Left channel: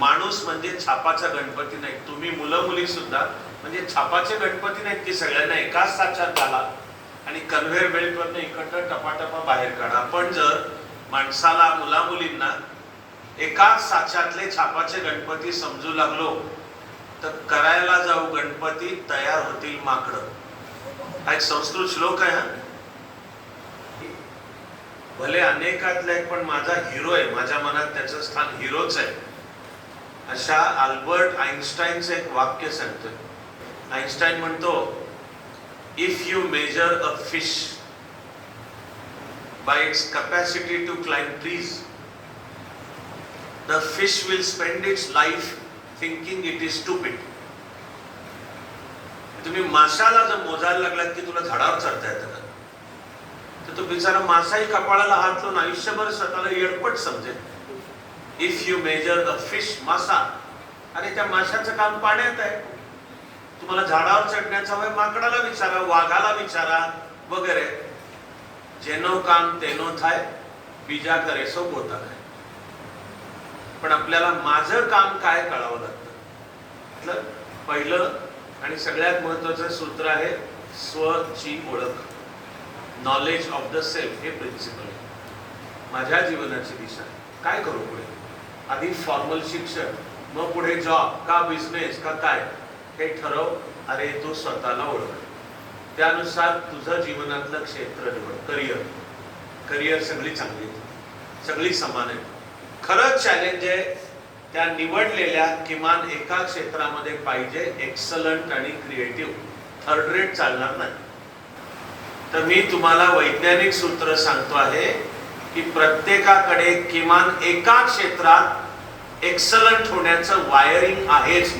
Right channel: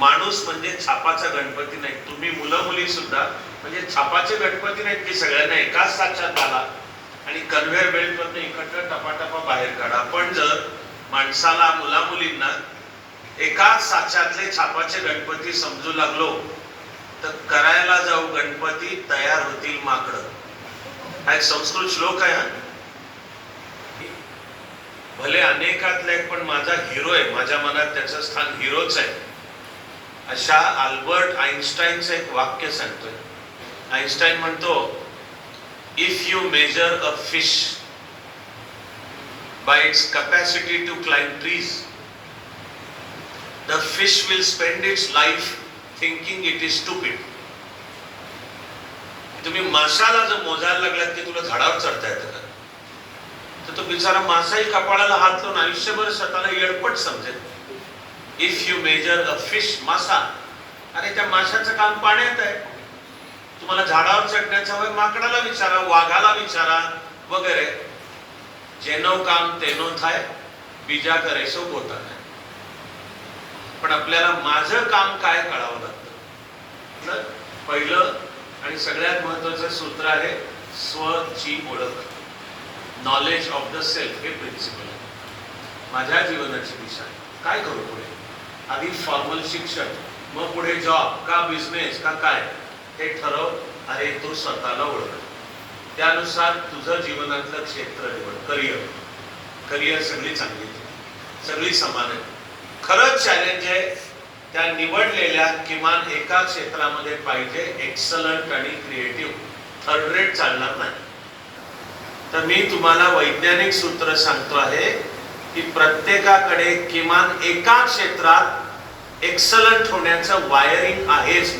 माणूस म्हणजे छापाचा गणपती नाही, तुम्ही मुलं मुली सुद्धा म्हणजे छापाचे गणपती नाहीत की सगळ्यांना एकाच साक्षात आला आणि कन्व्हेअर बेल्टवरनं इकडं टपाटपा बाहेर काढा. पण जर माणसाला मुला मुलींना एकाच साक्षातले छापाचे गणपती समजू लागलो तर करायला जाऊ गणपती तयार होतील माकडं. हा एक संस्कृत श्लोक आहे. भले अनेकातले पण माझा हिरो आहे, माझ्या मनात त्याचं स्थान हिरोच आहे. अशा अल्बर्ट आइन्स्टाईनचं एक वाक्य सांगतोय. आइन्स्टाईन म्हणतो, if you measure a fish by its capacity to climb trees, the fish will spend its life thinking it is stupid. तुम्ही माशाला जर मोजायला लागलात की तुला झाडावर चढता येतं का, तर तो बिचारा मासाही कपाळाला हात लावून आयुष्यभर स्वतःला येडपट समजेल. If you measure a fish, मासा, अरे त्या माशाचं काम पाण्यात आहे. तुम्हाला झाडावर चढण्याचं वय माकडाला विचारा, वाघाला विचारा वगैरे. जेनो काम तेनो थाय, बीजा करे सो गोता है. पण आपल्याला माझं काम काय कळावं लागतं. पहिलं आणि सगळ्यात महत्वाचं सूत्र आहे स्वची ओळख. नॉलेज ऑफ द सेल्फ हे प्रिन्सिपल आहे. माझ्या जीवनाची दिशा काय करू पुढे. आधी फॉर्मल शिक्षण, मग पुढे जॉब का बिझनेस का काय हे ठरव. अरे तू स्वतःला ओळख. त्यानुसार तुझं जीवनातलं क्षेत्र निवड. करिअर सगळी चांगली, सगळी समान आहे. खरंच चॅलेंज आहे त्या निवडलेल्या किमान एका क्षेत्रामध्ये पाहिजे एक्सलंट आणि क्रिएटिव्ह. थर्ड रेट चालणार नाही. तर मी तुम्हाला वैज्ञानिक सूत्र सांगतो आहे की प्रत्येकाकडे किमान एका क्षेत्रात एक्सलंट होण्याचं वायरिंग आहेच.